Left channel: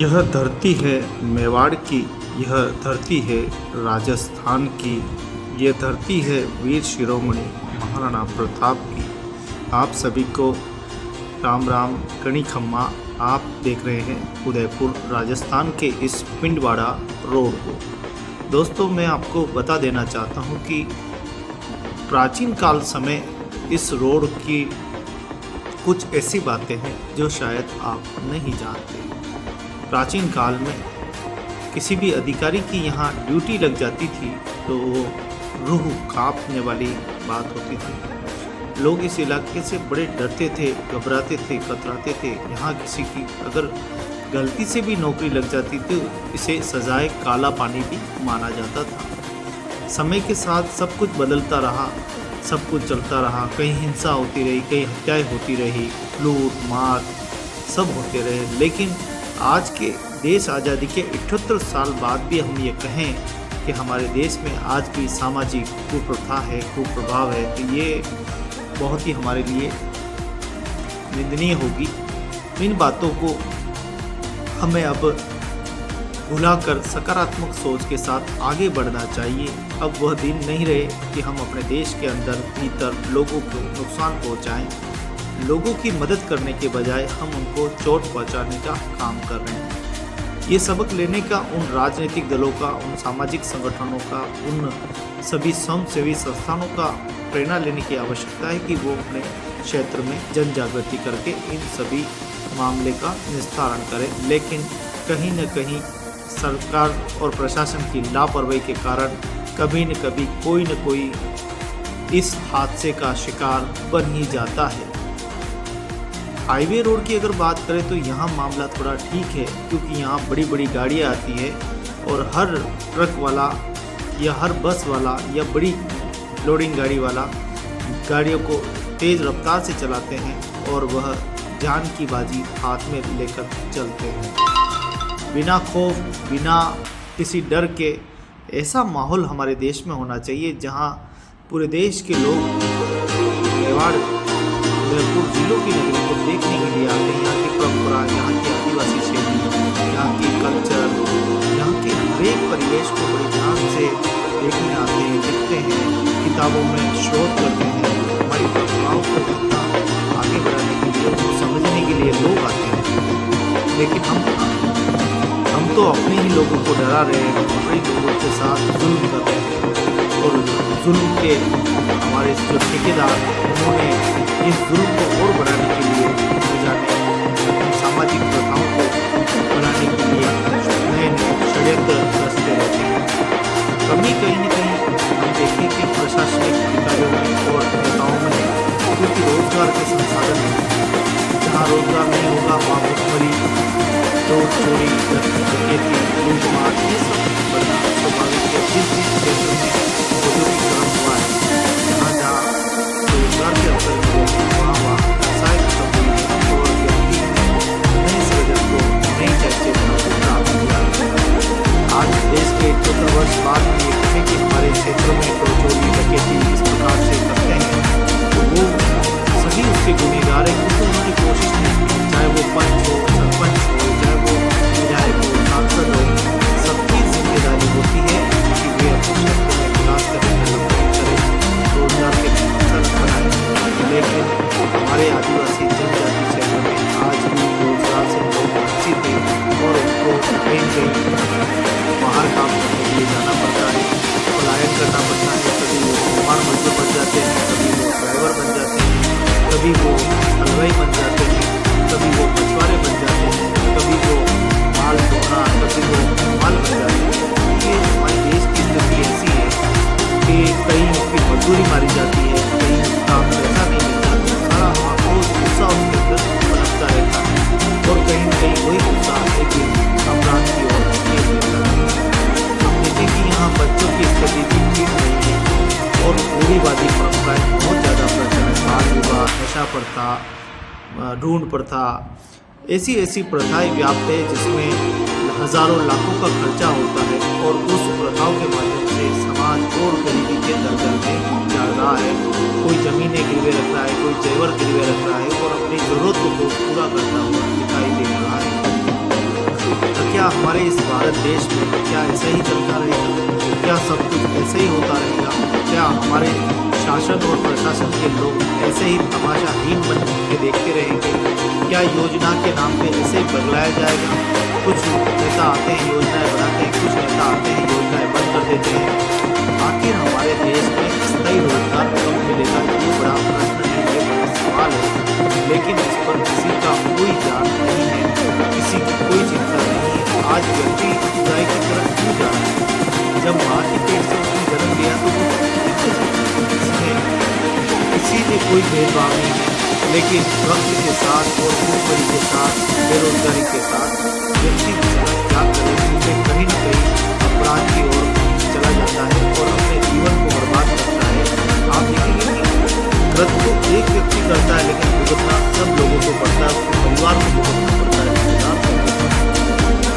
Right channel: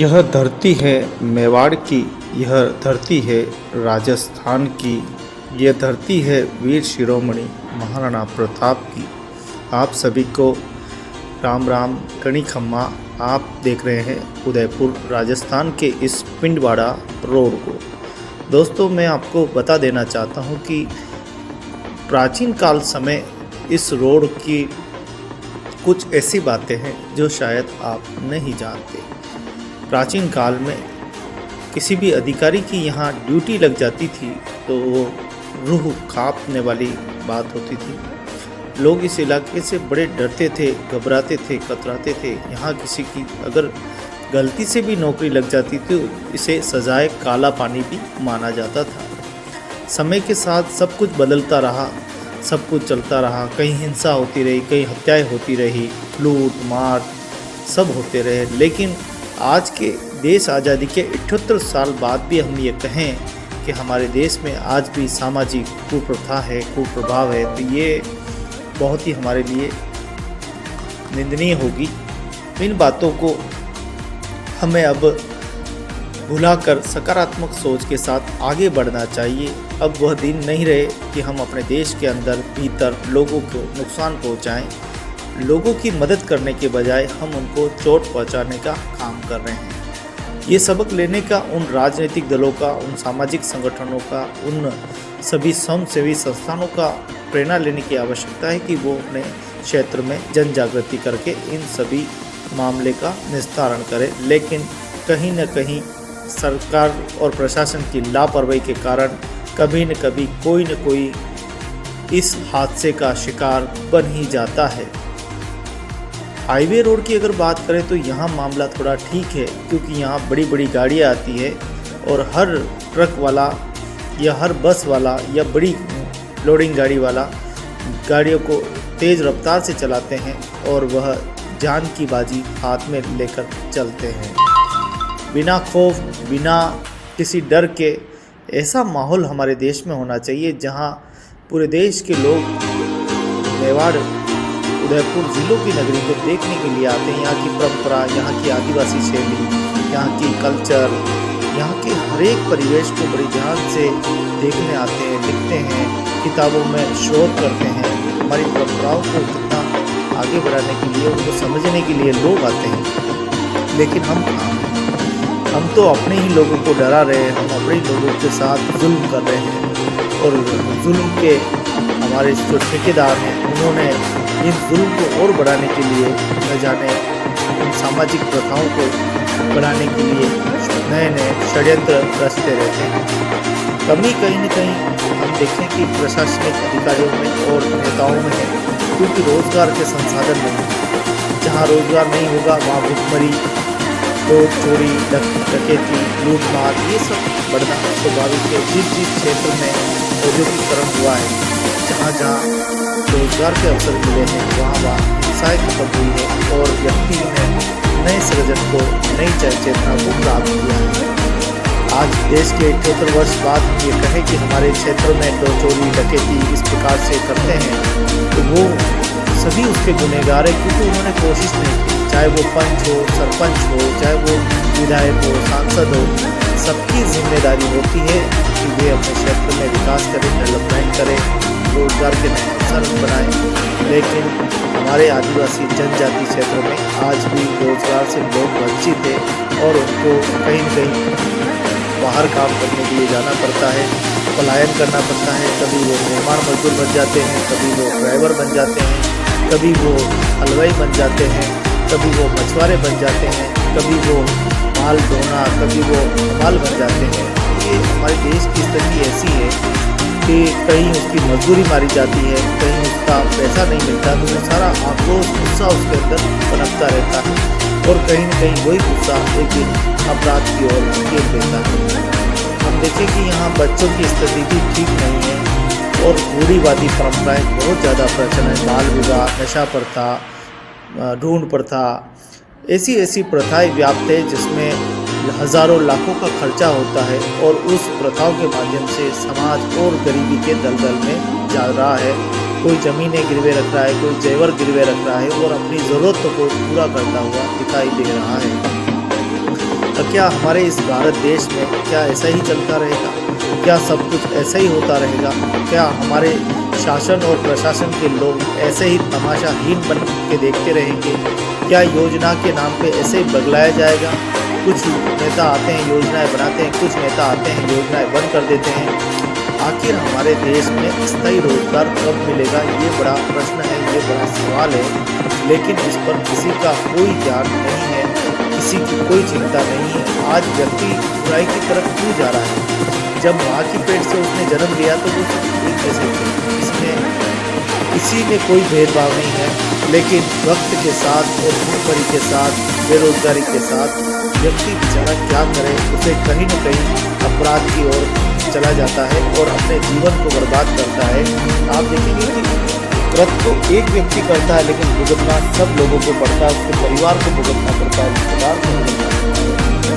यह धरती है मेवाड़ की, यह धरती है राजस्थान की, यह धरती है वीर शिरोमणि महाराणा प्रताप की। आप सभी को राम राम कणी खम्मा। आप देख रहे हैं उदयपुर राजस्थान के इस पिंडवाड़ा रोड को। दोस्तों, मैं आपको बता देना चाहता हूं कि प्राचीन काल समय इस रोड की कुछ ऐसी बातें हैं जो शायद आप नहीं जानते। प्राचीन काल में किसी भी अधिकारी की यहाँ ड्यूटी लग जाती थी तो वो रूह कांपने वाली बात होती थी। लोग इस इलाके से बड़े डरते थे, घबराते थे, कतराते थे। यहाँ किसी की अगर गलती से भी नौकरी लग जाती थी तो इसे सजाए काला पानी भी माना जाता था। समय के साथ सब कुछ बदलता रहा, सब कुछ चलता रहा। कहीं हिंसा होती रही, कहीं हत्याएं होती रही, लूट मार सब होते रहे। लेकिन आज के देश आज़ादी के 78 साल बाद भी हम ये कहें कि हमारे देश में आज भी सामाजिक कुप्रथा है, कुप्रभाव है, तो ये बहुत ही हमारे लिए निंदनीय होगी। इन बातों को हमें अब भुलाकर सकारात्मक सोच के साथ आगे बढ़ना चाहिए। अब वह दिन नहीं रहे कि हम अपने देश के अंदर भीतर लोगों को नुकसान पहुंचाएं। लोगों की मदद करने के बजाय हम उनको चोट पहुंचाने का काम कर रहे हैं। ये सबक लेने का उन राजनीतिक दलों का, उन सामाजिक संगठनों का, उन सभी स्वयंसेवी संस्थानों का प्रेरणा लेने की आवश्यकता है कि वो अपने क्षेत्र में जन जागृति करके इन सभी मामले का निस्तारण करें। लेकिन कहीं न कहीं सरकार और प्रशासन की लापरवाही के कारण कभी न कभी कोई न कोई इस हादसे का शिकार बन ही जाता है। हाईवे रोड की अगर बात करें तो यहाँ मामला थोड़ा ठीक है, क्योंकि यहाँ बड़ी बड़ी गाड़ियाँ आती है और हर ट्रक वाला या हर बस वाला या बड़ी लोडिंग गाड़ी वाला गाड़ियों को तेज़ रफ्तार से चलाते हैं और वह जान की बाजी हाथ में लेकर चलते हैं बिना खौफ, बिना किसी डर के। ऐसा माहौल हमारे देश में होना चाहिए जहाँ पूरे देश के लोग मेवाड़ उदयपुर जिलों की नगरी को देखने के लिए आते हैं। यहाँ की परंपरा, यहाँ की आदिवासी शैली, यहाँ की कल्चर, यहाँ के हर एक परिवेश को बड़ी ध्यान से देखने आते हैं, लिखते हैं, किताबों में शोध करते हैं। हमारी परंपराओं को कितना आगे बढ़ाने के लिए, उनको समझने के लिए लोग आते हैं। लेकिन हम तो अपने ही लोगों को डरा रहे हैं, हम अपने ही लोगों के साथ जुल्म कर रहे हैं। और जुल्म के हमारे जो ठेकेदार हैं उन्होंने इस जुल्म को और बढ़ाने के लिए न जाने इन सामाजिक प्रथाओं को बढ़ाने के लिए नए नए षड्यंत्र रचते रहते हैं। कमी कहीं न कहीं हम देखें कि प्रशासनिक अधिकारियों में और नेताओं में है, क्योंकि रोजगार के संसाधन नहीं हैं। जहाँ रोजगार नहीं होगा वहाँ भुखमरी, चोर चोरी, डकैती, लूटमार ये सब बढ़ना स्वाभाविक है। जिस क्षेत्र में औद्योगिकरण हुआ है, जहाँ जहाँ रोजगार के अवसर मिले हैं, वहाँ हिंसाएं खत्म हुई है और व्यक्ति ने नए सृजन को, नई चेतना को प्राप्त किया है। आज देश के 78 वर्ष बाद हम ये कहें कि हमारे क्षेत्र में तो चोरी डकैती इस प्रकार से करते हैं, तो वो सभी उसके गुनहगार है, क्योंकि उन्होंने कोशिश नहीं की। चाहे वो पंच हो, सरपंच हो, चाहे वो विधायक हो, सांसद हो, सबकी जिम्मेदारी होती है कि वे अपने क्षेत्र में विकास करें, डेवलपमेंट करें, रोजगार के नए अवसर बनाएं। लेकिन हमारे आदिवासी जनजाति क्षेत्रों में आज भी रोजगार से लोग वंचित हैं और उनको कहीं न कहीं बाहर काम करने के लिए जाना पड़ता है, पलायन करना पड़ता है। कभी वो निर्माण मजदूर बन जाते हैं, कभी वो ड्राइवर बन जाते हैं, कभी वो हलवाई बन जाते हैं, कभी वो मछुआरे बन जाते हैं, कभी वो माल ढोना, कभी वो माल बन जाते हैं। ये हमारे देश की स्थिति ऐसी है कि कहीं उसकी मजदूरी मारी जाती है, कहीं उसका पैसा नहीं मिलता, तो वो सारा आक्रोश, गुस्सा उसके अंदर पनपता रहता है और कहीं न कहीं वही गुस्सा एक दिन अपराध की ओर खेल देता है। हम देखें कि यहाँ बच्चों की स्थिति भी ठीक नहीं है और रूढ़िवादी परंपराएं बहुत ज़्यादा प्रचलन है। बाल विवाह, नशा प्रथा, ढूंढ प्रथा, ऐसी प्रथाएं व्याप्त है जिसमें हज़ारों लाखों का खर्चा होता है और उस प्रथाओं के माध्यम से समाज और गरीबी के दलदल में जा रहा है। कोई ज़मीनें गिरवे रख रहा है, कोई जेवर गिरवे रख रहा है और अपनी ज़रूरतों को पूरा करता हुआ दिखाई दे रहा है। क्या हमारे इस भारत देश में क्या ऐसा ही चलता रहेगा? क्या सब कुछ ऐसा ही होता रहेगा? क्या हमारे शासन और प्रशासन के लोग ऐसे ही तमाशाहीन बन के देखते रहेंगे? क्या योजना के नाम पे ऐसे ही बदलाया जाएगा? कुछ नेता आते हैं, योजनाएं बनाते हैं, कुछ नेता आते हैं, योजनाएं बंद कर देते हैं। आखिर हमारे देश में स्थायी रोजगार कब मिलेगा? ये बड़ा प्रश्न है, ये बड़ा सवाल है, लेकिन इस पर किसी का कोई ध्यान नहीं है, किसी की कोई चिंता नहीं है। आज व्यक्ति बुराई की तरफ क्यों जा रहा है? जब माँ की पेट से उसने जन्म लिया तो वो कैसे, इसमें किसी में कोई भेदभाव नहीं है, लेकिन वक्त के साथ और भूखमरी के साथ, बेरोजगारी के साथ व्यक्ति बेचारा क्या करे, उसे कहीं न कहीं अपराध की ओर चला जाता है और अपने जीवन को बर्बाद करता है। आप देखेंगे कि कृत्य तो एक व्यक्ति करता है, लेकिन भुगतना सब लोगों को पड़ता है, उसके परिवार को भुगतना पड़ता है, रिश्तेदार को भुगतना पड़ता है,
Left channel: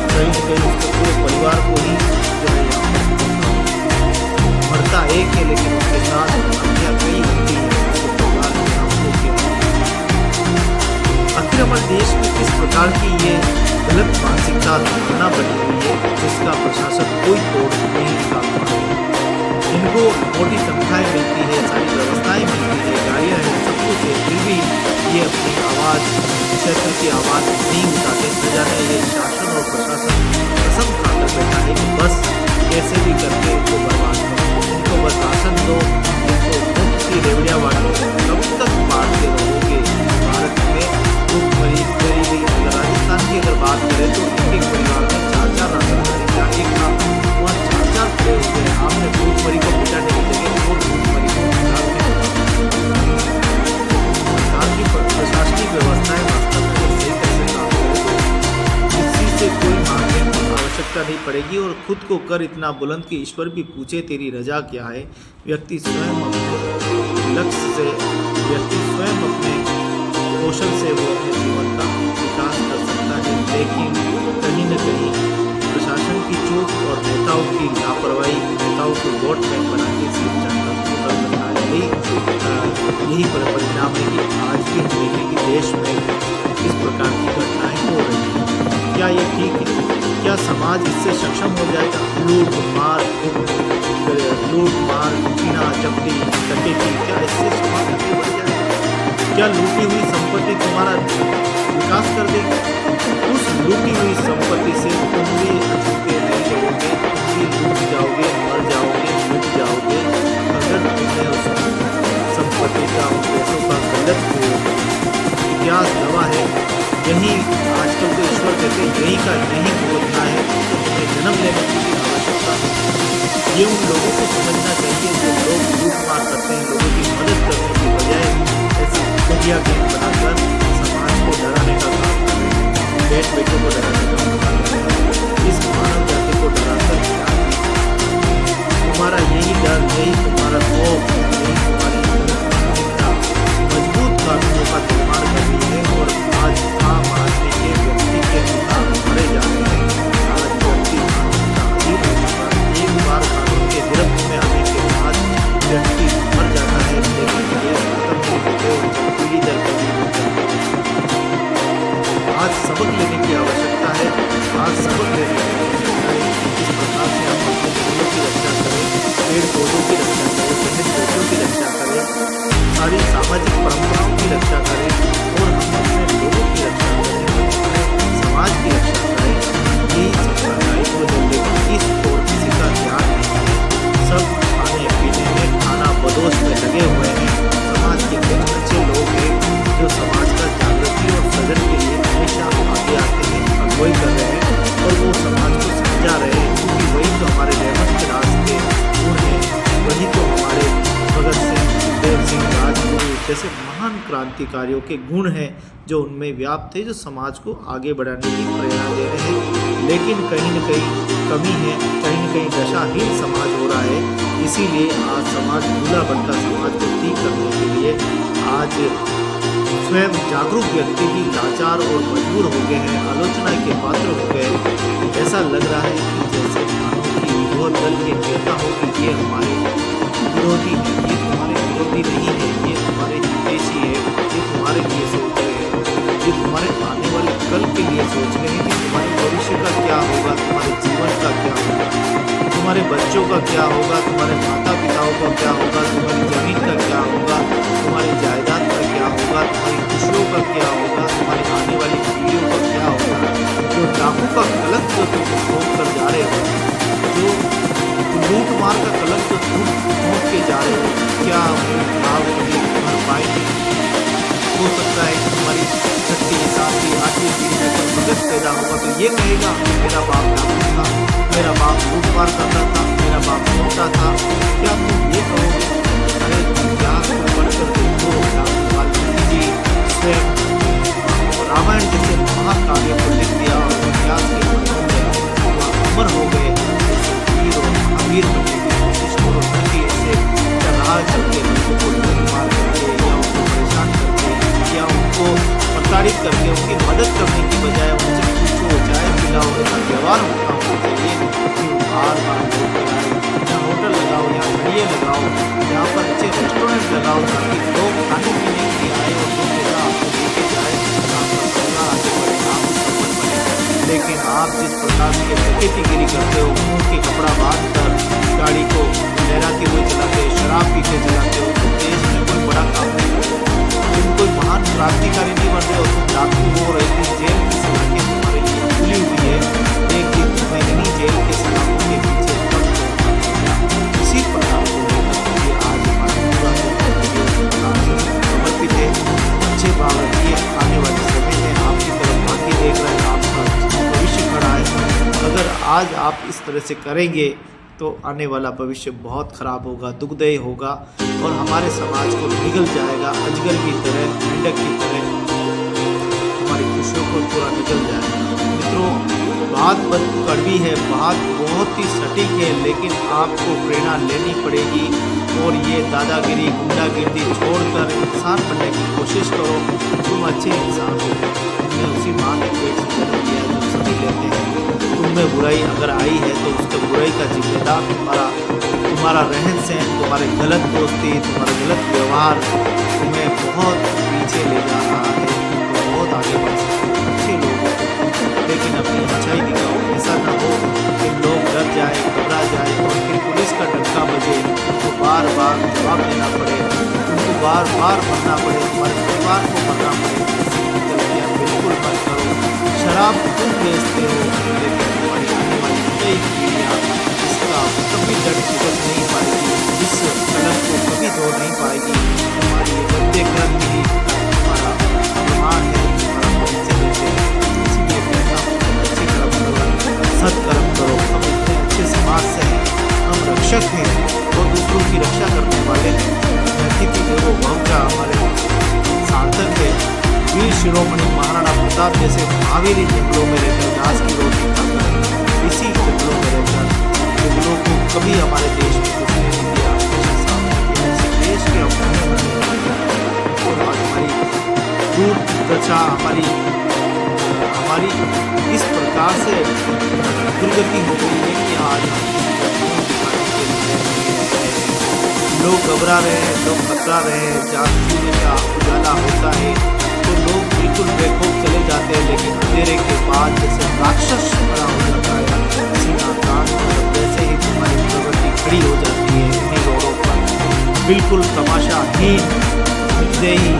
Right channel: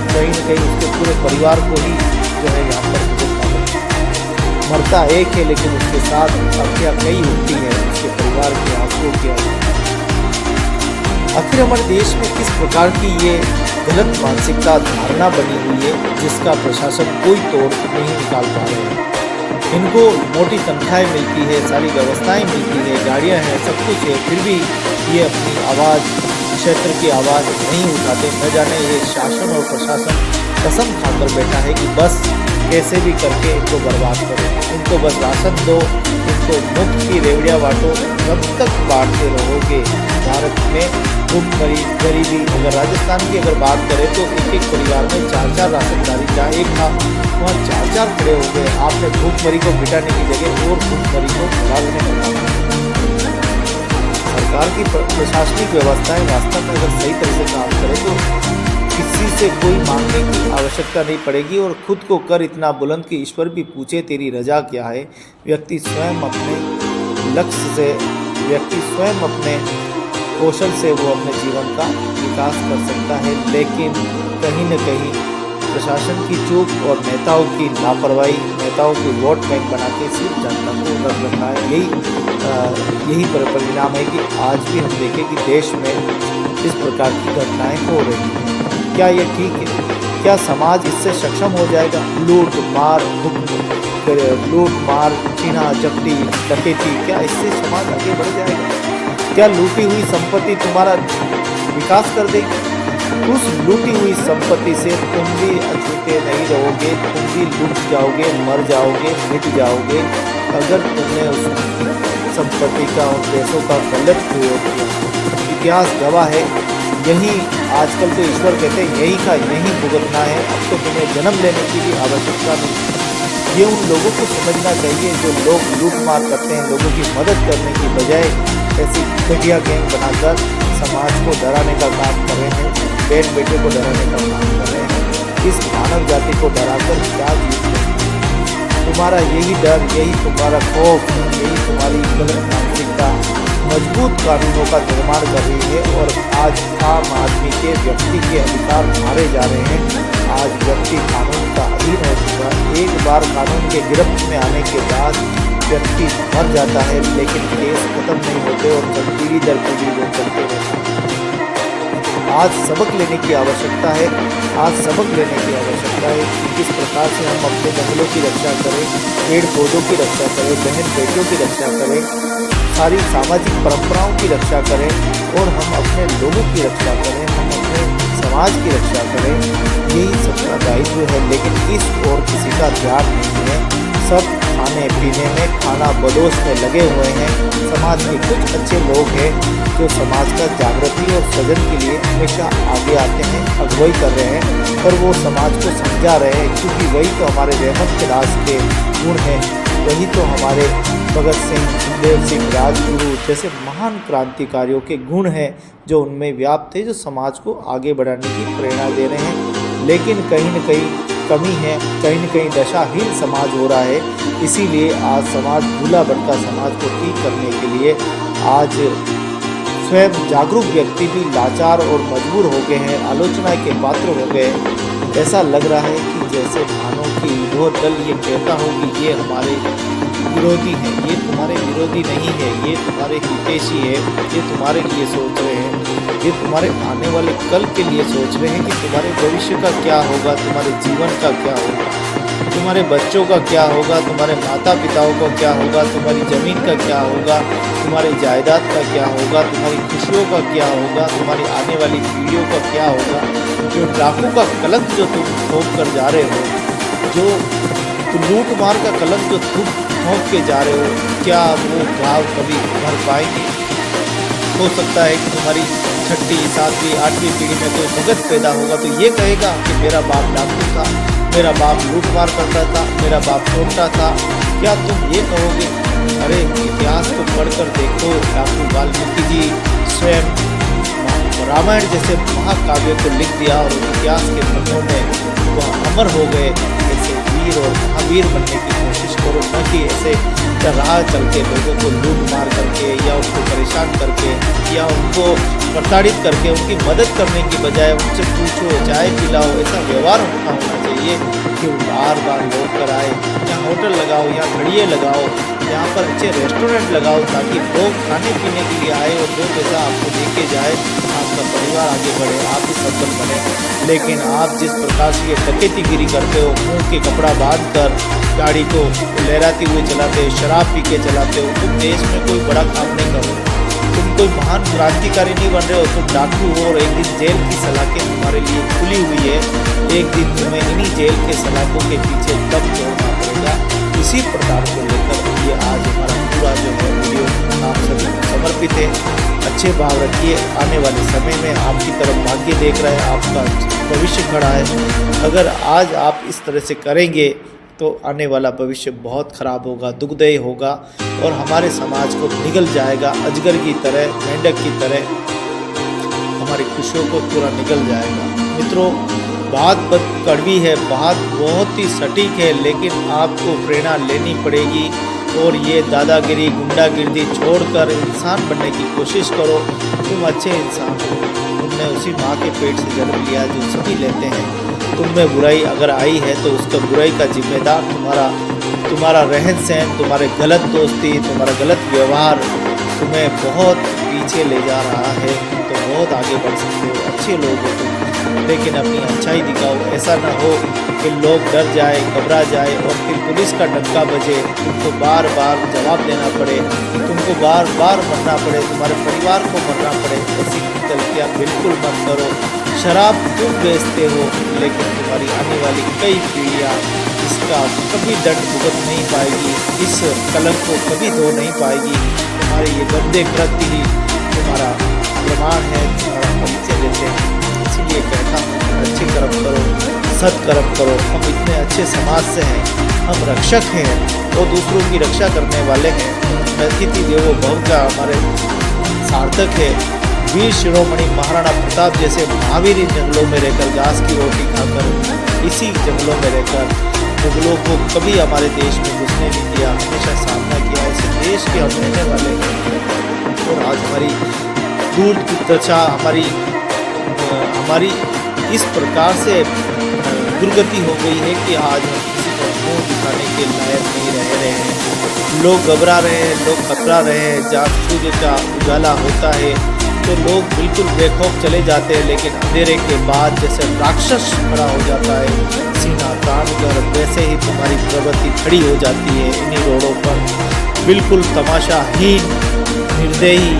कहीं न कहीं उसके पूरे परिवार को ही जो है यहाँ पर भुगतना होता है। मरता एक है, लेकिन उसके साथ हत्या कई होती है, उसके परिवार के आंसुओं के। आखिर हमारे देश में किस प्रकार की ये गलत मानसिकता धारणा बनी हुई है, जिसका प्रशासन कोई तोड़ नहीं निकाल पा रहे हैं। इनको मोटी तनख्वाहें मिलती है, सारी व्यवस्थाएं मिलती है, गाड़ियां हैं, सब कुछ है, फिर भी ये अपनी आवाज़, क्षेत्र की आवाज़ नहीं उठाते। न जाने ये शासन और प्रशासन कसम खाकर बैठा है कि बस कैसे भी करके इनको बर्बाद करो, इनको बस राशन दो, इनको मुफ्त की रेवड़ियाँ बांटो। कब तक बांटते रहोगे? भारत में भूखमरी, गरीबी, अगर राजस्थान की अगर बात करें तो एक एक परिवार में 4-4 राशनदारी, जहाँ एक था वहाँ 4-4 खड़े हो गए। आपने भूखमरी को मिटाने की जगह और भूखमरी को फैलाने लगा। सरकार की प्रशासनिक व्यवस्थाएं वास्तव में अगर सही तरह से काम करे तो किसी से कोई मांगने की आवश्यकता नहीं पड़ेगी और खुद को कर इतना बुलंद कि ईश्वर भी पूछे तेरी रजा क्या है। व्यक्ति स्वयं अपने लक्ष्य से, व्यक्ति स्वयं अपने कौशल से वो अपने जीवन का विकास कर सकता है, लेकिन कहीं न कहीं प्रशासन की चूक और नेताओं की लापरवाही, नेताओं की वोट बैंक बना के सिर्फ जनता को कर रखा है। यही परिणाम है कि आज भी हम देखें कि देश में इस प्रकार की घटनाएं हो रही हैं। क्या ये ठीक है? क्या समाज इससे सक्षम हो जाएगा? लूट मार, छीना झपटी, डकैती, क्या इससे समाज आगे बढ़ जाएगा? क्या लूटी हुई संपत्ति तुम्हारा विकास कर देगी? उस लूटी हुई संपत्ति से तुम भी अछूते नहीं रहोगे, तुम भी लूट जाओगे, मर जाओगे, मिट जाओगे, अगर तुमने उस संपत्ति का, उन पैसों का गलत प्रयोग किया। इतिहास गवाह है। यही आजकल तो ईश्वर कहते हैं यही का नहीं भुगतना है, अब तो तुम्हें जन्म लेने की भी आवश्यकता नहीं। ये उन लोगों को समझना चाहिए जो लोग लूट मार करते हैं, लोगों की मदद करने की बजाय ऐसी घटिया गैंग बनाकर समाज को डराने का काम कर रहे हैं, बहन बेटों को डराने का काम कर रहे हैं। इस मानव जाति को डराकर क्या जीत? तुम्हारा यही डर, यही तुम्हारा खौफ, यही तुम्हारी गलत मानसिकता मजबूत कानूनों का निर्माण कर रही है और आज आम आदमी के, व्यक्ति के अधिकार मारे जा रहे हैं। आज व्यक्ति कानून का अधीन हो चुका है। एक बार कानून के गिरफ्त में आने के बाद व्यक्ति मर जाता है, लेकिन केस खत्म नहीं होते और पीढ़ी दर पीढ़ी वो चलते रहते हैं। आज सबक लेने की आवश्यकता है, आज सबक लेने की आवश्यकता है कि किस प्रकार से हम अपने जंगलों की रक्षा करें, पेड़ पौधों की रक्षा करें, बहन बेटियों की रक्षा करें, सारी सामाजिक परंपराओं की रक्षा करें और हम अपने लोगों की रक्षा करें, हम अपने समाज की रक्षा करें। यही सबका दायित्व है, लेकिन इस ओर किसी का ध्यान नहीं है। सब खाने पीने में, खाना बदोश में लगे हुए हैं। समाज के कुछ अच्छे लोग हैं जो समाज का जागृति और सृजन के लिए हमेशा आगे आते हैं, अगुवाई कर रहे हैं और वो समाज को समझा रहे हैं, क्योंकि वही तो हमारे रहमत के राज के गुण हैं, वही तो हमारे भगत सिंह, सुखदेव सिंह, राजगुरु जैसे महान क्रांतिकारियों के गुण हैं जो उनमें व्याप्त है, जो समाज को आगे बढ़ाने की प्रेरणा दे रहे हैं। लेकिन कहीं न कहीं कमी है, कहीं न कहीं दशाहीन समाज हो रहा है। इसीलिए आज समाज भूला भटका समाज को ठीक करने के लिए आज स्वयं जागरूक व्यक्ति भी लाचार और मजबूर हो गए हैं, आलोचना के पात्र हो गए। ऐसा लग रहा है कि जैसे मानो कि विरोध दल ये कहता हो कि ये हमारे विरोधी हैं, ये तुम्हारे विरोधी नहीं है, ये तुम्हारे हितैषी है, ये तुम्हारे लिए सोच रहे हैं, ये तुम्हारे आने वाले कल के लिए सोच रहे हैं कि तुम्हारे भविष्य का क्या होगा, तुम्हारे जीवन का क्या होगा, तुम्हारे बच्चों का क्या होगा, तुम्हारे माता पिताओं का क्या होगा, तुम्हारी ज़मीन का क्या होगा, तुम्हारी जायदाद का क्या होगा, तुम्हारी खुशियों का क्या होगा, तुम्हारी आने वाली पीढ़ियों का क्या होगा। जो डाकू का कलंक जो तुम ठोक कर जा रहे हो, जो लूट मार का कलंक जो तुम ठोक के जा रहे हो, क्या वो घाव कभी भर पाएंगे? हो सकता है कि तुम्हारी 6ठी 7वीं 8वीं पीढ़ी में कोई भगत पैदा होगा तो ये कहेगा कि मेरा बाप डाकू था, मेरा बाप लूटमार करता था, मेरा बाप छोटा था। क्या तुम ये कहोगे? अरे इतिहास को पढ़कर देखो, डाकू वाल्मीकि जी स्वयं रामायण जैसे महाकाव्य को लिख दिया और इतिहास के पन्नों में वह अमर हो गए। ऐसे वीर और महावीर बनने की कोशिश करो, न कि ऐसे राह चल के लोगों को लूट मार करके या उनको परेशान करके या उनको प्रताड़ित करके उनकी मदद करने की बजाय उनसे पूछो, चाय पिलाओ। ऐसा व्यवहार उनका होना चाहिए कि बार बार लोग कर आए। यहाँ होटल लगाओ, यहाँ खड़िए लगाओ, यहाँ पर अच्छे रेस्टोरेंट लगाओ ताकि लोग खाने पीने के लिए आए और 2 पैसा आपको देके जाए, आपका परिवार आगे बढ़े, आप भी सफल बने। लेकिन आप जिस प्रकार की डकैतीगिरी करते हो, मुंह के कपड़ा बांध कर गाड़ी को लहराती हुई चलाते हो, शराब पी के चलाते हो, तुम देश में कोई बड़ा काम नहीं कर रहे हो, तुम कोई महान क्रांतिकारी नहीं बन रहे हो, तुम डाकू हो। और एक दिन जेल की सलाखें तुम्हारे लिए खुली हुई है, एक दिन तुम्हें इन्हीं जेल के सलाखों के पीछे दम तोड़ना पड़ेगा। इसी प्रकार को लेकर ये आज हमारा पूरा जो है वीडियो आप सभी समर्पित है। अच्छे भाव रखिए, आने वाले समय में आपकी तरफ भाग्य देख रहे हैं, आपका भविष्य खड़ा है। अगर आज आप इस तरह से करेंगे तो आने वाला भविष्य बहुत खराब होगा, दुखदायी होगा और हमारे समाज को निगल जाएगा। अजगर की तरह, मेंढक की तरह हमारी खुशियों को पूरा निगल जाएगा। मित्रों, बात कड़वी है, बात बहुत ही सटीक है, लेकिन आपको प्रेरणा लेनी पड़ेगी और ये दादागिरी गुंडागिरी छोड़कर इंसान बनने की कोशिश करो। तुम अच्छे इंसान हो, तुमने उसी माँ के पेट से जन्म लिया जो सभी लेते हैं। तुम में बुराई अगर आई है तो उसका बुराई का जिम्मेदार तुम्हारा रहन सहन, तुम्हारे गलत दोस्ती, तुम्हारा गलत व्यवहार तुम्हें बहुत पीछे ले जा रहा है। तो बहुत आगे बढ़ सकते हो, अच्छे लोग हो तुम, लेकिन अपनी अच्छाई दिखाओ। ऐसा ना हो कि लोग डर जाए, घबरा जाए और फिर पुलिस का डंका बजे, तुमको बार बार जवाब देना पड़े, तुमको बार बार मरना पड़े, तुम्हारे परिवार को मरना पड़े। ऐसी गलतियाँ बिल्कुल मत करो। शराब तुम बेचते हो, लेकिन तुम्हारी आने वाली कई पीढ़ियाँ इसका कभी दंड भुगत नहीं पाएगी, इस कलंक को कभी धो नहीं पाएगी। तुम्हारे ये गंदे कृत्य ही तुम्हारा प्रमाण है, तुम्हारा परिचय देते हैं। इसीलिए कहता हूँ अच्छे कर्म करो, सत्कर्म करो। हम इतने अच्छे समाज से हैं, हम रक्षक हैं और दूसरों की रक्षा करने वाले हैं। अतिथि देवो भव का हमारे सार्थक है। वीर शिरोमणि महाराणा प्रताप जैसे महावीर इन जंगलों में रहकर घास की रोटी खाकर, इसी जंगलों में रहकर मुगलों को कभी हमारे देश में घुसने नहीं दिया, हमेशा सामना किया। ऐसे देश के हम रहने वाले हैं और आज हमारी दूर की दशा, हमारी इस प्रकार से दुर्गति हो गई है कि आज हम किसी को मुँह दिखाने के लायक नहीं रह रहे हैं। लोग घबरा रहे हैं, लोग खतरा रहे हैं। जहाँ सूर्य का उजाला होता है तो लोग बिल्कुल बेखौफ चले जाते हैं, लेकिन अंधेरे के बाद जैसे राक्षस खड़ा हो जाता है सीना तान कर, वैसे ही तुम्हारी प्रवृत्ति खड़ी हो जाती है इन्हीं रोडों पर। बिल्कुल तमाशाहीन, निर्दयी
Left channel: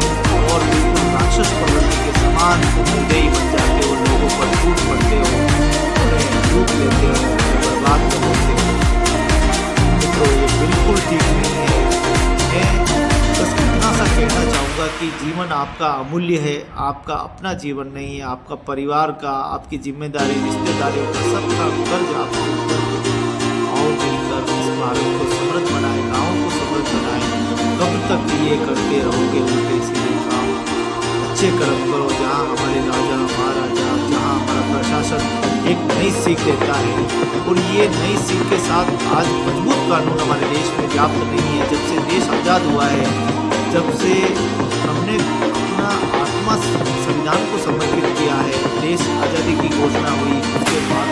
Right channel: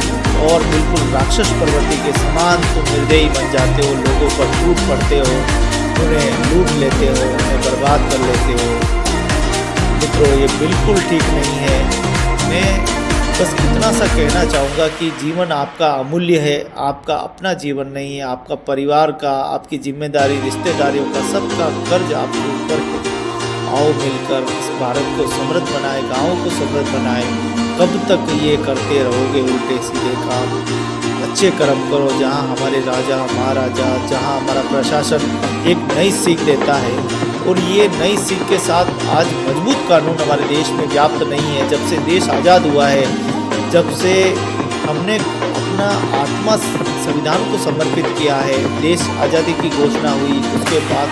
और बिल्कुल राक्षस प्रवृत्ति के समान तुम निर्दयी बन जाते हो। लोगों पर टूट पड़ते हो, उन्हें लूट लेते हो, उन्हें बर्बाद कर लेते हो। मित्रों, ये बिल्कुल ठीक नहीं है। मैं बस इतना सा कहना चाहूँगा कि जीवन आपका अमूल्य है, आपका अपना जीवन नहीं है, आपका परिवार का, आपकी जिम्मेदारी, रिश्तेदारियों का, सबका कर्ज आपके ऊपर है। आओ मिलकर इस भारत को समृद्ध बनाए, गाँव को समृद्ध बनाए। कब तक ये करते रहोगे उल्टे सीधे काम? अच्छे कर्म करो। जहाँ हमारे राजा महाराजा, जहाँ हमारा प्रशासन एक नई सीख देता है, और ये नई सीख के साथ आज मजबूत कानून हमारे देश में व्याप्त नहीं है। जब से देश आज़ाद हुआ है, जब से हमने अपना आत्मा संविधान को समर्पित किया है, देश आज़ादी की घोषणा हुई, उसके बाद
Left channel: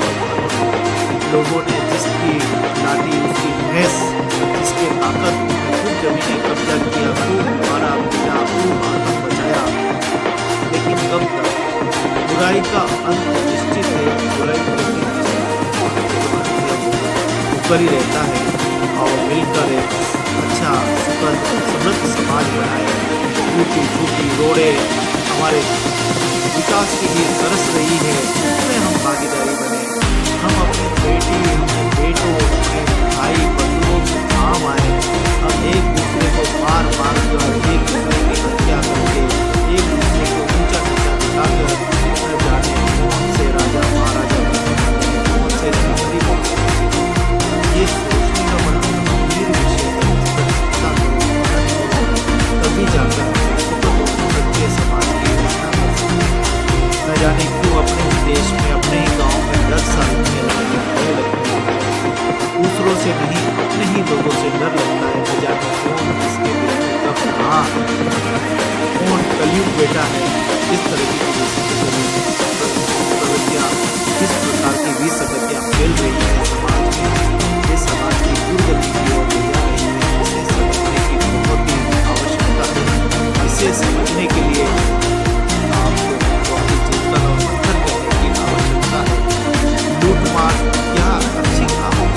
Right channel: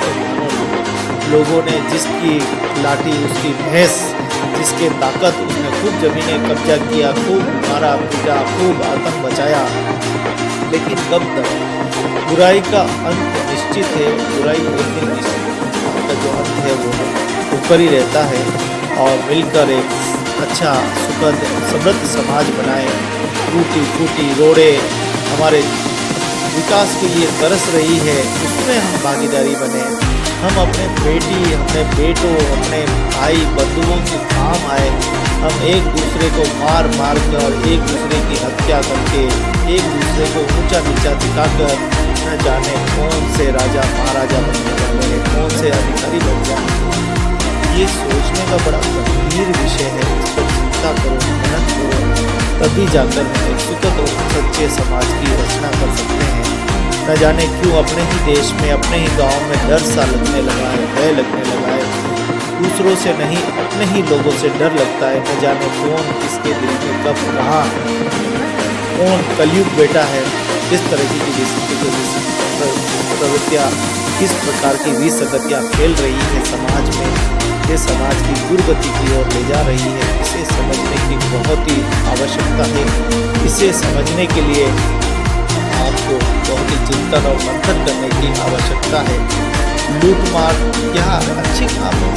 लोगों ने जिसकी लाठी उसकी भैंस, जिसके ताकत उसने खूब ज़मीनें कब्जा किया, खूब मारा पीटा, खूब आतंक बचाया। लेकिन कब तक? बुराई का अंत निश्चित है, बुराई करके निश्चित का जो अंत है वो ऊपर ही रहता है। और मिलकर एक अच्छा सुखद समृद्ध समाज बनाए। टूटी फूटी रोडें हमारे विकास के लिए तरस रही है, उसमें हम भागीदारी बने। हम अपने बेटी, अपने बेटों, अपने भाई बंधुओं के काम आए। हम एक दूसरे को मार मार कर, एक दूसरे की हत्या करके, एक दूसरे को ऊंचा नीचा दिखाकर न जाने कौन से राजा महाराजा बनने वाले हैं, कौन से अधिकारी बन जाएंगे। ये सोचने का बड़ा गंभीर विषय है। इस पर चिंता करो, मनन करो, तभी जाकर हम एक सुखद और सच्चे समाज की रचना कर सकते हैं। न जाने क्यों अपने ही देश में, अपने ही गांव में डर सा लगने लगा है, भय लगने लगा है। दूसरों से नहीं, अपने ही लोगों से डर लगता है। न जाने कौन किसके दिल में कब कहाँ कौन कलयुग बेटा है। किस तरह की प्रवृत्तियाँ, किस प्रकार की विसंगतियाँ फैल रही है समाज में, ये समाज की दुर्गति की ओर ले जा रही है। इसे समझने की बहुत ही आवश्यकता है। इसे समझने के लिए आपको बहुत ही चिंतन और मंथन करने की आवश्यकता है। लूट मार क्या अच्छी काम है?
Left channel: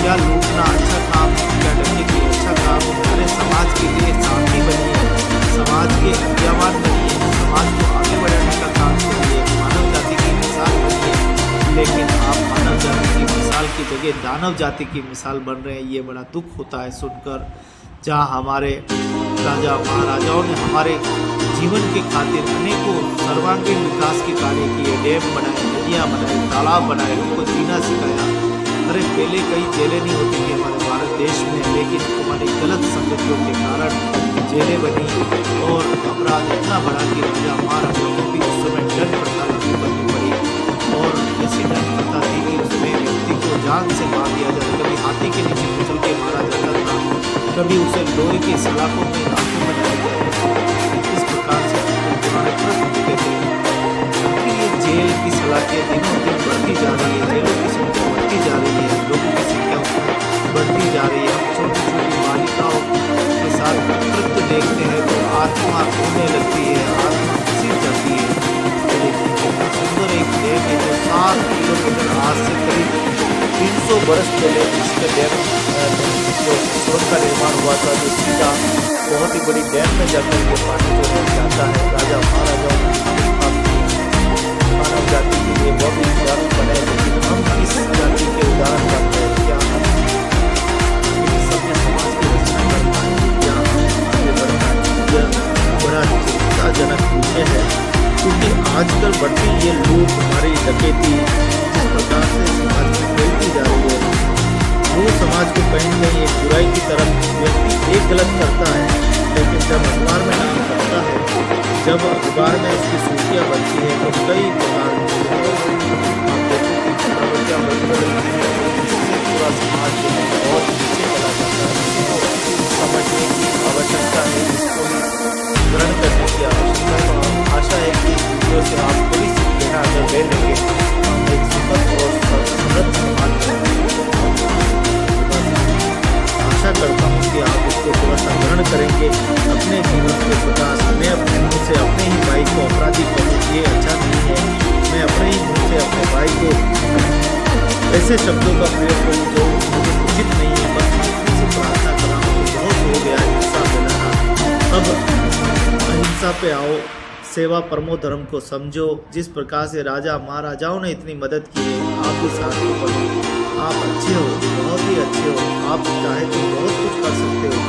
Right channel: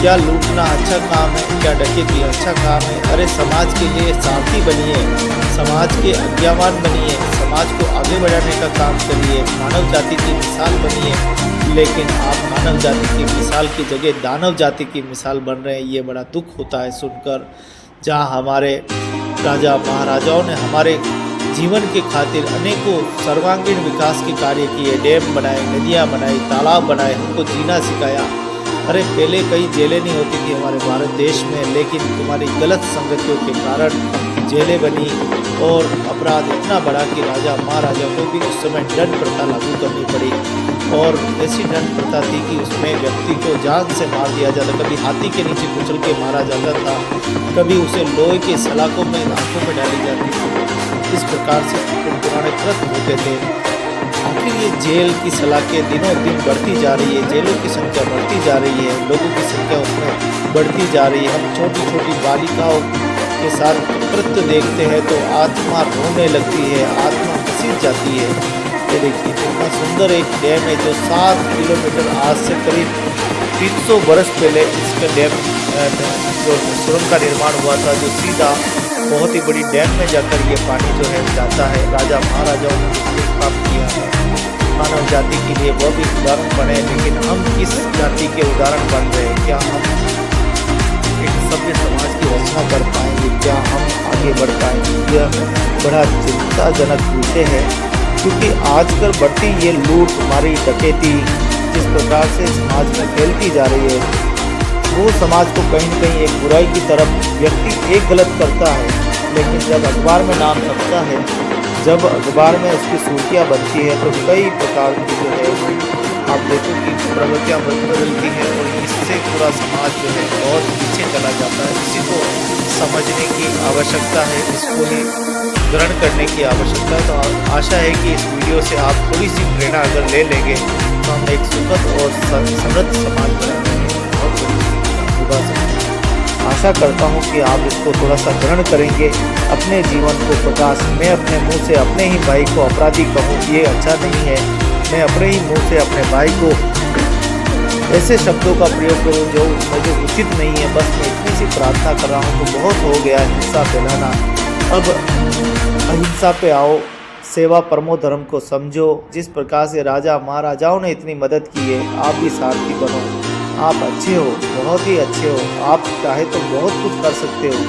क्या लूटना अच्छा काम है? क्या डकैती अच्छा काम है? अरे समाज के लिए शांति बनिए, समाज के आज्ञावान बनिए, समाज को आगे बढ़ाने का काम करिए, मानव जाति की मिसाल बनिए। लेकिन आप मानव जाति की मिसाल की जगह दानव जाति की मिसाल बन रहे हैं। ये बड़ा दुख होता है सुनकर। जहाँ हमारे राजा महाराजाओं ने हमारे जीवन के खातिर अनेकों सर्वांगीण विकास के कार्य किए, डैम बनाए, नदियाँ बनाई, तालाब बनाए, हमको जीना सिखाया। अरे पहले कई जेलें नहीं होती थी हमारे भारत देश में, लेकिन तुम्हारी गलत संगतियों के कारण जेलें बनी और अपराध इतना बढ़ा कि राजा महाराजा को भी उस समय दंड प्रथा लागू करनी पड़ी। और ऐसी दंड प्रथा थी कि उसमें व्यक्ति को जान से मार दिया जाता, कभी हाथी के नीचे कुचल के मारा जाता था, कभी उसे लोहे के सलाखों में आंखों में डाली जाती थी। इस प्रकार से पुराने प्रश्न होते थे। आखिर ये जेल की सलाखें दिनों दिन बढ़ती जा रही है, जेलों की संख्या बढ़ती जा रही है, लोगों की संख्या उसमें बढ़ती जा रही है। हम छोटी छोटी बालिकाओं के साथ कृत्य देखते हैं तो आत्मा रोने लगती है, आत्मा घसीट जाती है। ये देखिए कितना सुंदर एक डैम है जो 7 किलोमीटर, आज से करीब 300 बरस पहले इसका डैम जो सुरंग का निर्माण हुआ था, जो सीधा बहुत ही बड़ी डैम में जाकर ये पानी जो है जाता है। राजा महाराजाओं ने जो काम किया है मानव जाति के लिए, वह भी उदाहरण बने। लेकिन हम किस जाति के उदाहरण बन रहे हैं? क्या हम एक सभ्य समाज की रचना कर पाएंगे? क्या हम आगे बढ़ पाएंगे? यह बड़ा चिंताजनक विषय है, क्योंकि आजकल बढ़ती ये लूट मारी डकैती जिस प्रकार से समाज में फैलती जा रही है, वो समाज को कहीं न कहीं एक बुराई की तरफ व्यक्ति एक गलत करता है। लेकिन जब अखबार में नाम छपता है, जब अखबार में उसकी सुर्खियाँ बनती है, तो कई प्रकार की जो है आप देखो कि प्रवृत्तियाँ बदलती हैं और इससे पूरा समाज जो है बहुत पीछे चला जाता है। इसी को समझने की आवश्यकता है, इसको ही ग्रहण करने की आवश्यकता है। तो आशा है कि इस वीडियो से आप थोड़ी सी प्रेरणा अगर ले लेंगे तो हम एक सुखद और समृद्ध समाज बनाएंगे। आशा करता हूँ कि आप इसको थोड़ा सा ग्रहण करेंगे, अपने जीवन को प्रकाश। मैं अपने मुंह से अपने ही भाई को अपराधी कहूँ, ये अच्छा नहीं है। मैं अपने ही मुंह से अपने भाई को ऐसे शब्दों का प्रयोग करूँ जो मुझे उचित नहीं है। बस मैं इतनी सी प्रार्थना कर रहा हूँ। तो बहुत हो गया हिंसा फैलाना, अब अहिंसा पे आओ, सेवा परमो धर्म को समझो। जिस प्रकार से राजा महाराजाओं ने इतनी मदद की है, आप भी सारथी बनो। आप अच्छे हो, बहुत ही अच्छे हो। आप चाहे तो बहुत कुछ कर सकते हो,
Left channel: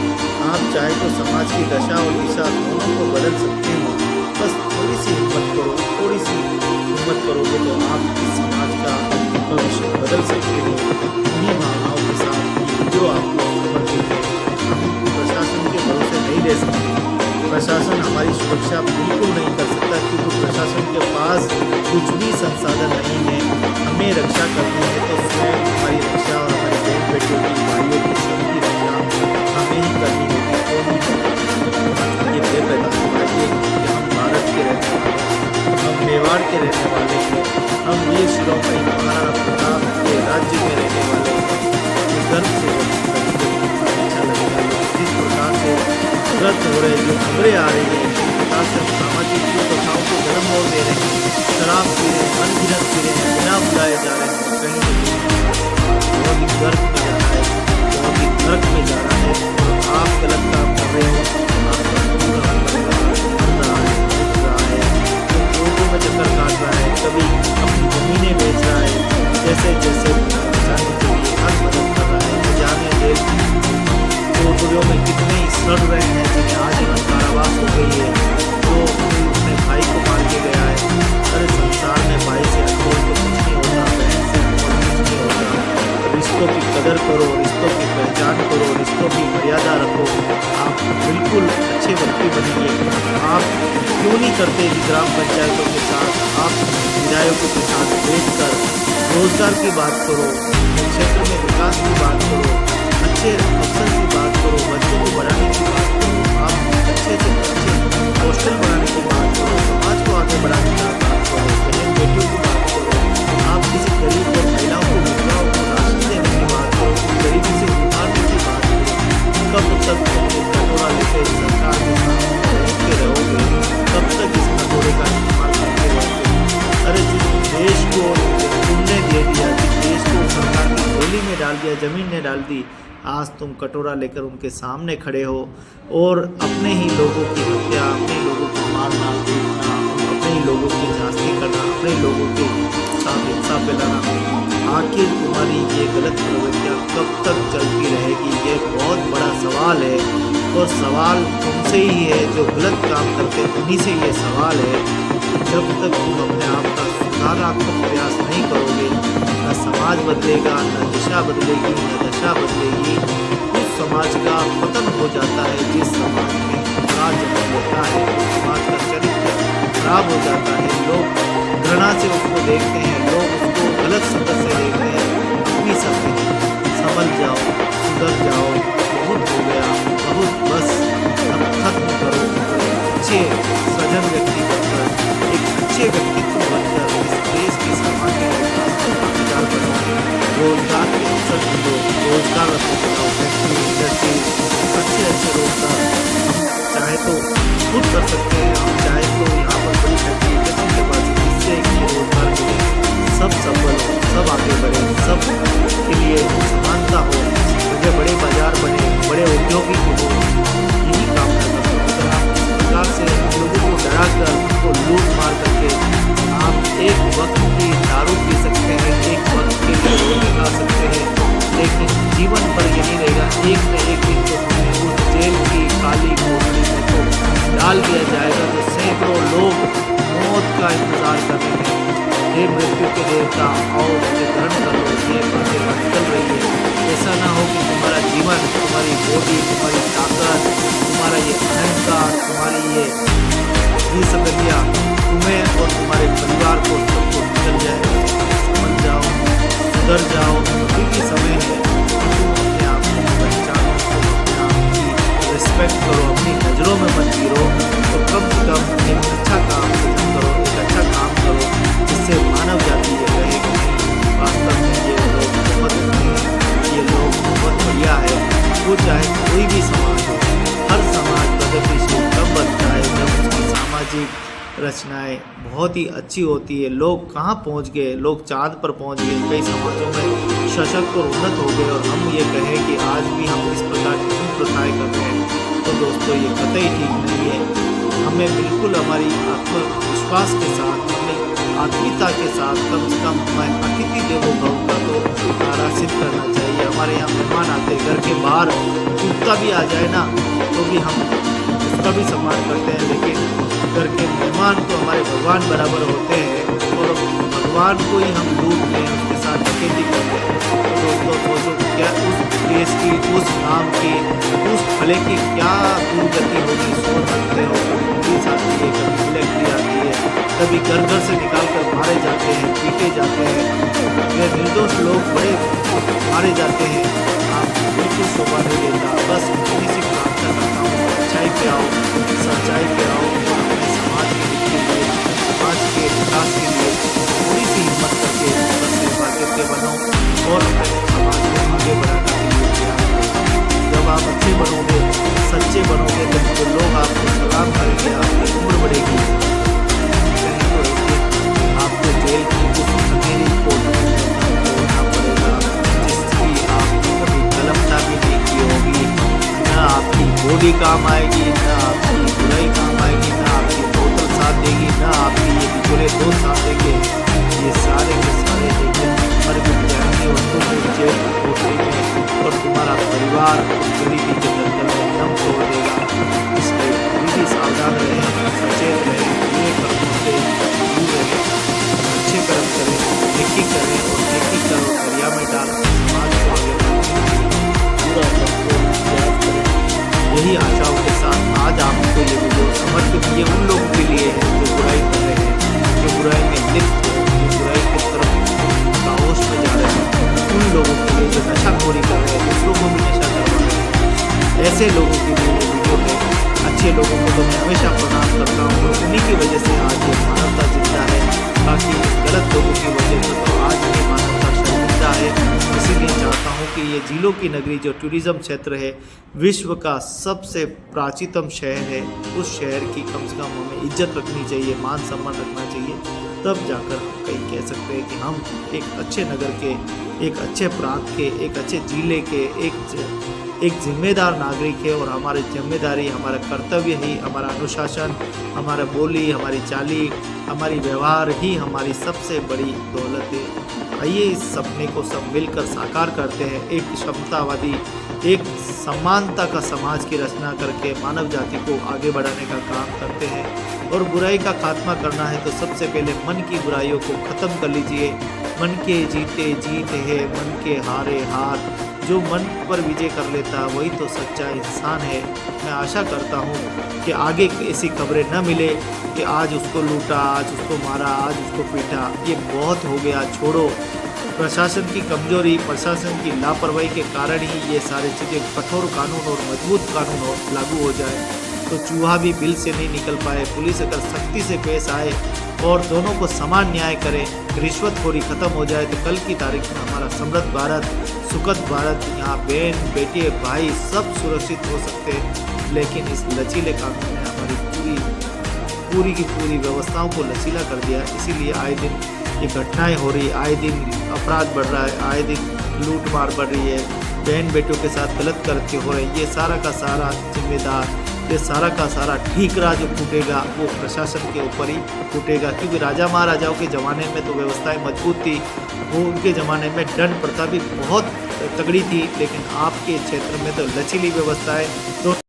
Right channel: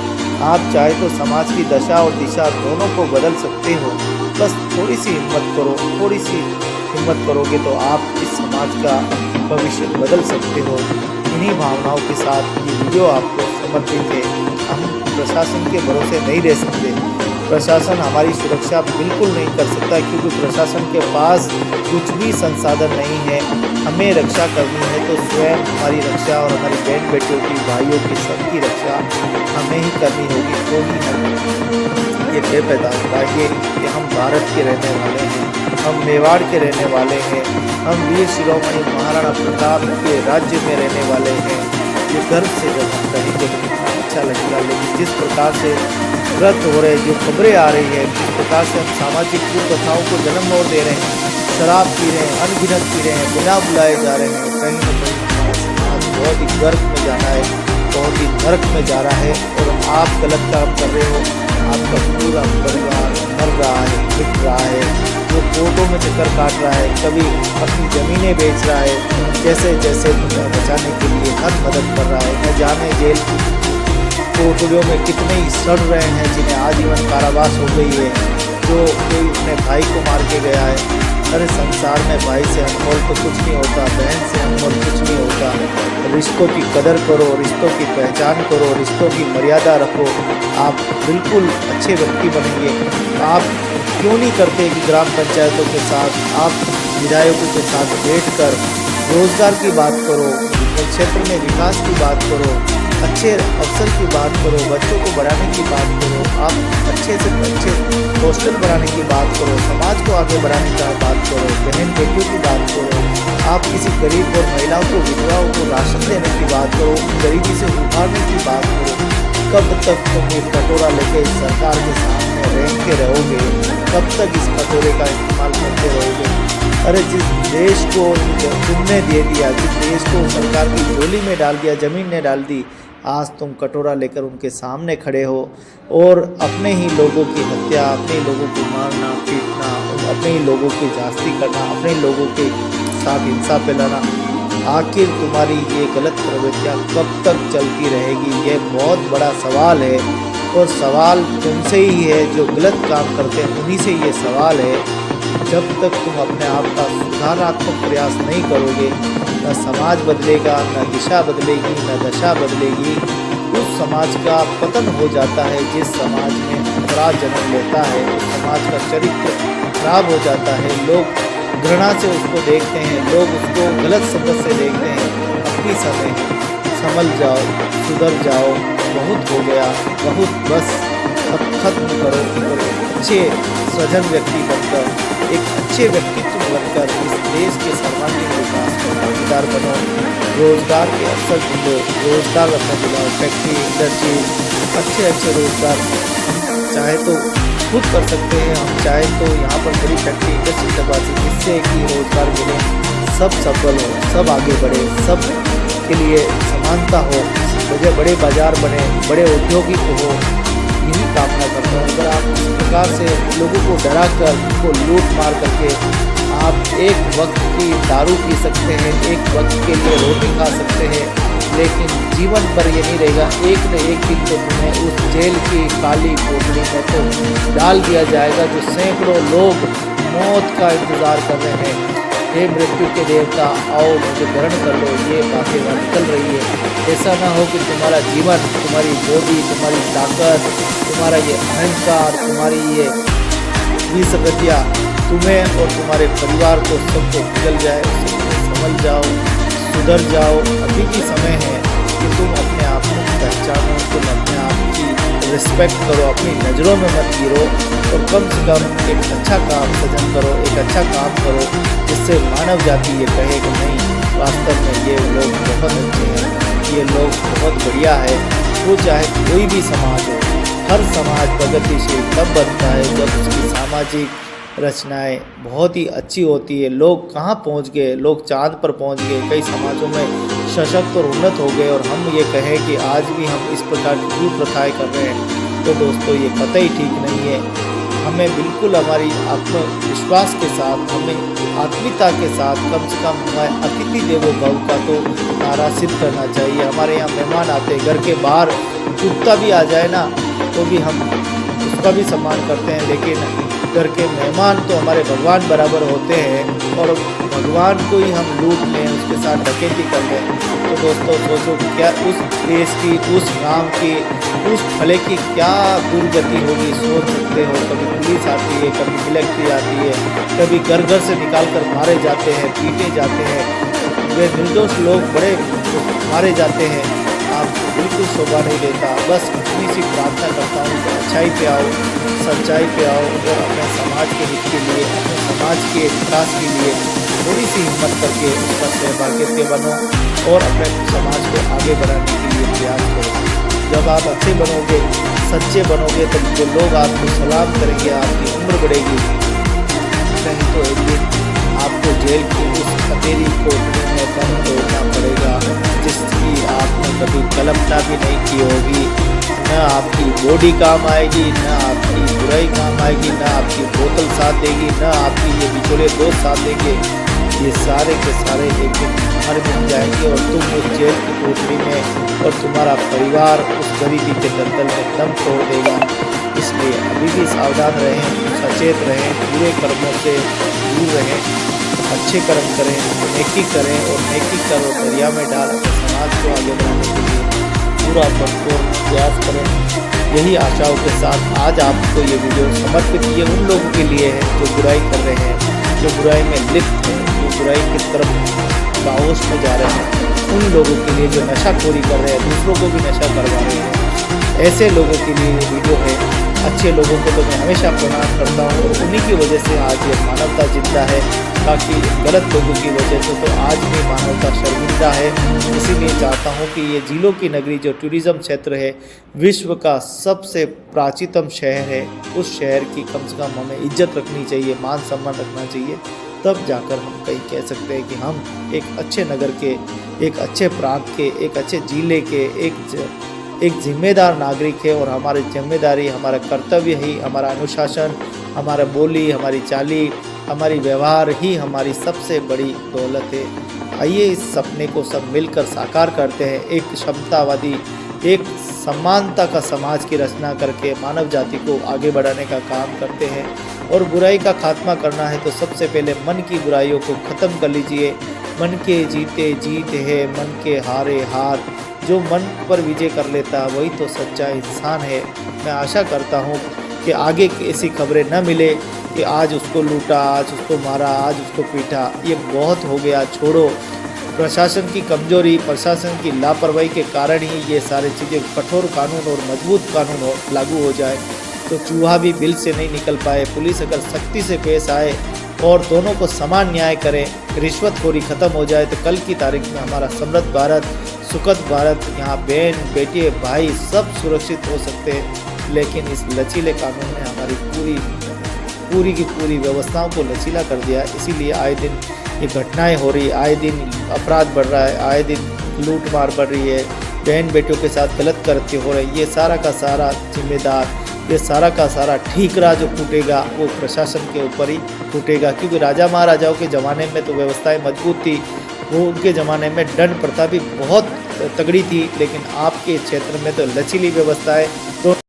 आप चाहे तो समाज की दशा और दिशा दोनों को बदल सकते हो। बस थोड़ी सी हिम्मत करो, थोड़ी सी हिम्मत करोगे तो आप इस समाज का भविष्य बदल सकते हो। इन्हीं भावनाओं के साथ ये वीडियो आपको समर्पित है। हम प्रशासन के भरोसे नहीं रह सकते। प्रशासन हमारी सुरक्षा बिल्कुल नहीं कर सकता, क्योंकि प्रशासन के पास कुछ भी संसाधन नहीं है। हमें रक्षा करनी है तो स्वयं हमारी रक्षा और हमारी बहन बेटियों की, भाइयों की, सबकी रक्षा हमें ही करनी होगी। तो ही ये तय पैदा होगा कि हम भारत के रहने वाले हैं, हम मेवाड़ के रहने वाले हैं, हम वीर शिरोमणि महाराणा प्रताप के राज्य में रहने वाले हैं। ये गर्व से जब कहेंगे तो कितना अच्छा लगेगा। लेकिन जिस प्रकार से व्रत हो रहे, जो खबरें आ रही है, जिस प्रकार से हम सामाजिक कुप्रथाओं को जन्म और दे रहे हैं, शराब पी रहे हैं, अनगिनत पी रहे हैं, बिना बुलाए जा रहे हैं, कहीं न कहीं हमारा समाज बहुत ही गर्क में जा रहा है, बहुत ही नरक में जा रहा है। और आप गलत काम कर रहे हो, आपका पूरा परिवार मर रहा है, मिट रहा है, जो कोर्टों में चक्कर काट रहा है, कभी अपनी ज़मीनें बेच रहा है, जैसे जैसे तुम्हें बचाने के लिए हर मदद कर रहा है। न जाने जेल की कोठरियों में कितने ही सड़ रहे हैं जिन्हें आजीवन कारावास हो गई है, जो कोई अपने भाई को मार के गया है। अरे संसार में भाई से अनमोल तो कुछ नहीं होता, बहन से अनमोल कुछ नहीं होता। रिश्तों की कदर करो, रिश्तों की पहचान करो, रिश्तों की मर्यादा रखो, आप बिल्कुल अच्छे व्यक्ति बनेंगे। आप क्यों नहीं करते कि ग्राम पंचायतों के साथ, आप विधायकों के साथ बैठकर रोजगार की बात करो, क्षेत्र में विकास की बात करो, अच्छे अवसर की बात करो, बच्चों को बढ़ाने की बात करो, आप अच्छे से अच्छे हॉस्टल बनाने की बात करो, समाज को आगे बढ़ाने की बात करो, बहन बेटियों की बात करो, आप किसी गरीब और महिलाओं को, विधवाओं को राशन देने की बात करो, गरीबी से उभारने की बात करो। कब तक तुम ये कटोरा लेके सरकार के सामने रेंगते रहोगे? कब तक इस कटोरे का इस्तेमाल करते रहोगे? अरे जिस देश को तुमने दे दिया, जिस देश को सरकार की झोली में डाल दिया, ज़मीन ने डाल दी, आज तुम कटोरा लेकर उनके सामने खड़े हो और अपने ही लोगों की हत्या, अपने ही लोगों को मारना पीटना, अपने ही लोगों की जास्ती करना, अपने ही लोगों के साथ हिंसा फैलाना। आखिर तुम्हारी ये गलत प्रवृत्तियाँ कब तक चलती रहेगी? ये बहुत बड़ा सवाल है और सवाल तुमसे ही है, जो गलत काम करते हैं उन्हीं से ये सवाल है। जब तक तुम अपने आप का सुधारात्मक प्रयास नहीं करोगे, न समाज बदलेगा, न दिशा बदलेगी, न दशा बदलेगी। उस समाज का पतन हो जाता है जिस समाज में अपराध जन्म लेता है, उस समाज का चरित्र खराब हो जाता है। लोग घृणा से उसको देखते हैं, लोग उसको गलत संगत से देखते हैं। अपनी समय है, संभल जाओ, सुधर जाओ, बहुत हो गया, बहुत बस, अब खत्म करो और अच्छे सजन व्यक्ति बनकर, एक अच्छे व्यक्तित्व बनकर इस देश के सर्वांगीण विकास में भागीदार बनो। रोजगार के अवसर ढूंढो, रोजगार अपने दिलाओ, फैक्ट्री, इंडस्ट्रीज, अच्छे अच्छे रोजगार चाहे तो खुद कर सकते हैं, हम चाहे तो यहाँ पर बड़ी फैक्ट्री इंडस्ट्री लगवा दी, जिससे कि रोजगार मिले, सब सफल हो, सब आगे बढ़े, सब के लिए समानता हो, वजह बड़े बाजार बने, बड़े औद्योगिक हो। यही कामना करता हूँ। अगर आप इस प्रकार से लोगों को डरा कर, उनको लूट मार करके आप एक वक्त की दारू पी सकते हैं, एक वक्त के लिए रोटी खा सकते हैं, लेकिन जीवन पर ये नहीं रहेगा। एक न एक दिन तो तुम्हें उस जेल की काली कोठरी में तो डाल दिया जाएगा। तो सैकड़ों लोग मौत का इंतज़ार कर रहे हैं। हे मृत्यु के देवता, आओ मुझे ग्रहण कर लो। ये बातें निकल रही है। ऐसा ना हो कि तुम्हारा जीवन, तुम्हारी बॉडी, तुम्हारी ताकत, तुम्हारा ये अहंकार, तुम्हारी ये विसंगतियाँ तुम्हें और तुम्हारे परिवार को सबको निकल जाए। समझ जाओ, सुधर जाओ। अभी भी समय है कि तुम अपने आप को पहचानो, तुम अपने आप की रिस्पेक्ट करो, अपनी नज़रों में मत गिरो और कम से कम एक अच्छा काम सृजन करो, एक अच्छा काम करो जिससे मानव जाति ये कहे कि नहीं, वास्तव में ये लोग बहुत अच्छे हैं, ये लोग बहुत बढ़िया है। वो चाहे कोई भी समाज हो, हर समाज प्रगतिशील तब बनता है जब उसकी सामाजिक रचनाएं बहुत ही अच्छी होती है। लोग कहाँ पहुँच गए, लोग चाँद पर पहुँच गए, कई समाजों में सशक्त और उन्नत हो गए और हम ये कहें कि आज भी हम इस प्रकार की कुप्रथाएं कर रहे हैं, तो दोस्तों ये कतई ठीक नहीं है। हमें बिल्कुल हमारी आत्मविश्वास के साथ, हमें आत्मीयता के साथ कम से कम हमारे अतिथि देवो भव का तो नारा सिद्ध करना चाहिए। हमारे यहाँ मेहमान आते, घर के बाहर कुत्ता भी आ जाए ना तो भी हम उसका भी सम्मान करते हैं, लेकिन घर के मेहमान तो हमारे भगवान बराबर होते हैं और भगवान को ही हम लूट लें, उसके साथ डकैती कर लें। तो दोस्तों सोचो क्या उस देश की, उस गांव की, उस फले की क्या दुर्गति होगी, सोच सकते हो। कभी पुलिस आती है, कभी मिलिट्री आती है, कभी घर घर से निकाल कर मारे जाते हैं, पीटे जाते हैं, वे निर्दोष लोग बड़े मारे जाते हैं। आपको बिल्कुल शोभा नहीं देता। बस इतनी सी प्रार्थना करता हूँ कि अच्छाई पे आओ, सच्चाई पे आओ और अपने समाज के हित के लिए, अपने समाज के विकास के लिए थोड़ी सी हिम्मत करके उसका सहभागित्व बनो और अपने समाज को आगे बढ़ाने के लिए प्रयास करो। जब आप अच्छे बनोगे, सच्चे बनोगे तो जो लोग आपको सलाम करेंगे, आपकी उम्र बढ़ेगी। कहीं तो एक दिन आपको जेल की उस अंधेरी कोठरी में दम तोड़ना पड़ेगा, जिसकी आपने कभी कल्पना भी नहीं की होगी। न आपकी बॉडी काम आएगी, न आपकी बुराई काम आएगी, न आपकी बोतल साथ देगी, न आपकी ये बिचौले दोस्त साथ देंगे। ये सारे के सारे एक दिन मर मिट जाएंगे और तुम उस जेल की कोठरी में और तुम्हारा परिवार उस गरीबी के दलदल में दम तोड़ देगा। इसलिए अभी भी सावधान रहें, सचेत रहें, बुरे कर्मों से दूर रहें, अच्छे कर्म करें, नेकी करें और नेकी कर और दरिया में डाल अपने समाज को आगे बढ़ाने के लिए पूरा भरपूर प्रयास करें। यही आशाओं के साथ आज आपको ये वीडियो समर्पित ये उन लोगों के लिए है जो बुराई कर रहे हैं, जो बुराई में लिप्त है, जो बुराई की तरफ काओस में जा रहे हैं, उन लोगों के लिए जो नशाखोरी कर रहे हैं, दूसरों को भी नशा करवा रहे हैं, ऐसे लोगों के लिए ये वीडियो है। अच्छे लोगों को तो मैं हमेशा प्रणाम करता हूँ और उन्हीं की वजह से आज ये मानवता जिंदा है। बाकी गलत लोगों की वजह से तो आज भी मानवता शर्मिंदा है। इसीलिए चाहता हूँ कि ये झीलों की नगरी जो टूरिज़्म क्षेत्र है, विश्व का सबसे प्राचीनतम शहर है, उस शहर की कम से कम हमें इज्जत रखनी चाहिए, मान सम्मान रखना चाहिए। तब जाकर हम कहीं कह सकते हैं कि हम एक अच्छे नगर के, एक अच्छे प्रांत के, एक अच्छे जिले के, एक जिम्मेदार नागरिक है। और हमारी जिम्मेदारी, हमारा कर्तव्य ही, हमारा अनुशासन, हमारा बोली, हमारी चाली, हमारी व्यवहार ही हमारी सबसे बड़ी दौलत है। आइए इस सपने को सब मिलकर साकार करते हैं, एक क्षमतावादी, एक समानता का समाज की रचना करके मानव जाति को आगे बढ़ाने का काम करते हैं। और बुराई का खात्मा करना है तो सबसे पहले मन की बुराइयों को ख़त्म कर लीजिए। मन के जीते जीत है, मन के हारे हार। जो मन पर विजय कर लेता है वही तो सच्चा इंसान है। मैं आशा करता हूँ कि आगे ऐसी खबरें न मिले कि आज उसको लूटा, आज उसको मारा, आज उसको पीटा। ये बहुत हो गया, छोड़ो। प्रशासन की कमजोरी, प्रशासन की लापरवाही के कारण ही ये सारी चीज़ें, कठोर कानून और मजबूत कानून लागू हो जाए तो चूहा भी बिल से नहीं निकल पाए। पुलिस अगर सख्ती से पेश आए और दोनों को समान न्याय करें, रिश्वतखोरी खत्म हो जाए तो कल की तारीख में हमारा समृद्ध भारत, सुखद भारत, यहाँ बहन बेटे भाई सब सुरक्षित हो सकते हैं। लेकिन इस लचीले कानून ने हमारी पूरी की पूरी व्यवस्थाओं को लचीला कर दिया। इसीलिए आए दिन ये घटनाएं हो रही, आए दिन अपराध बढ़ रहा है, आए दिन लूट मार बढ़ रही है, बहन बेटियों के साथ गलत कृत्य हो रहे हैं। ये सारा का सारा जिम्मेदार, ये सारा का सारा ठीकरा जो फूटेगा वो प्रशासन के ऊपर ही फूटेगा। क्योंकि राजा महाराजाओं के ज़माने में तो व्यवस्थाएं मजबूत थी, वो उनके ज़माने में दंड प्रथा भी बहुत तगड़ी थी। लेकिन आपके क्षेत्र में तो लचीली व्यवस्थाएं